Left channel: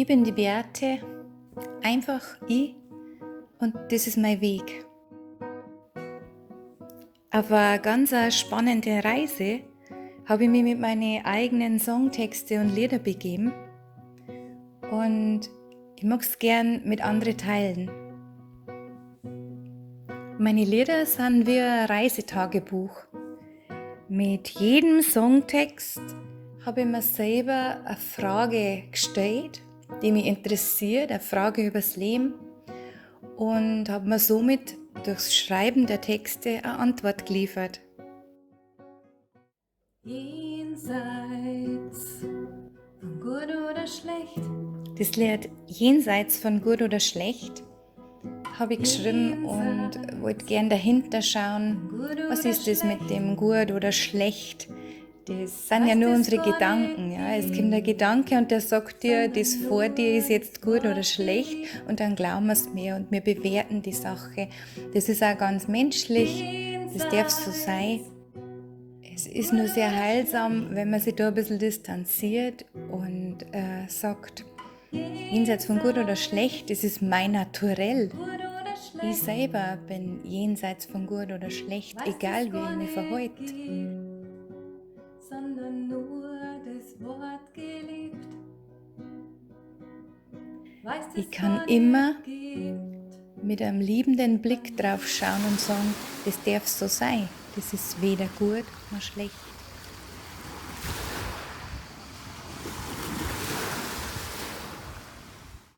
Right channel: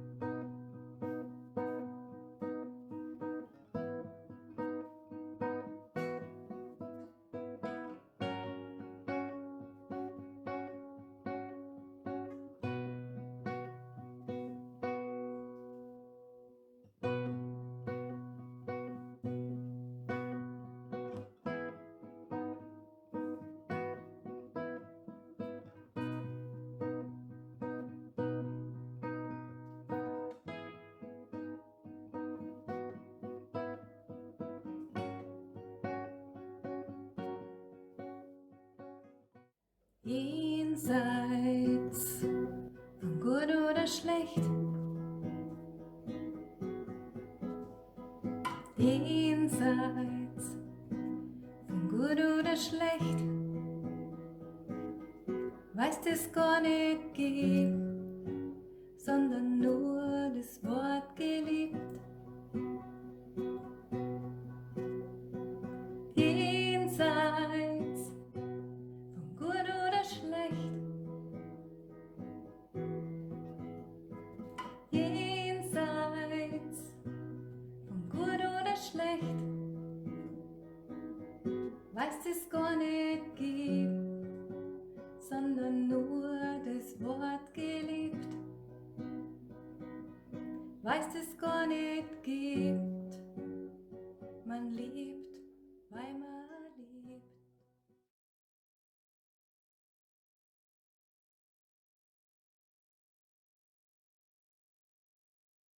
Ich bin die Beate, einfach ich, und das ist mein Weg. Auf eine ganz spannende Reise habe ich mich mit meinen eigenen Songtexte und Lieder begeben und ich mag es gern mit anderen teilen. Meine Lieder sind wie ein Reisetagebuch. Mit jedem Songtext habe ich mir selber eine Frage gestellt, die mich interessiert, eine Frage übers Leben, und habe mir somit durchs Schreiben der Texte eine Antwort geliefert. Jenseits von gut oder schlecht. Das Lied Jenseits von gut oder schlecht habe ich geschrieben und wollte gern dahinter schauen, was ist das mit dem gut oder schlecht. Das sind ja nur unsere Gedanken. Ja. Es kommt ein Gedanke und der sagt dir, das vor dir ist jetzt gut oder schlecht, und dann glauben wir es mehr und wir bewerten die Sache. Das ist auch ganz menschlich, das darf so sein. Es ist nur sehr heilsam, wenn man sich da ein bisschen distanziert und sagt, jenseits von gut oder schlecht, das ist mein Naturell. Ich selber bin jenseits von gut oder schlecht, egal wie ich mich verhalte. Sondern nur das Wort gelebt. Ich kann immer mit einem liebenden Blick drauf schauen und sagen, das darf so sein. Das ist weder gut noch schlecht.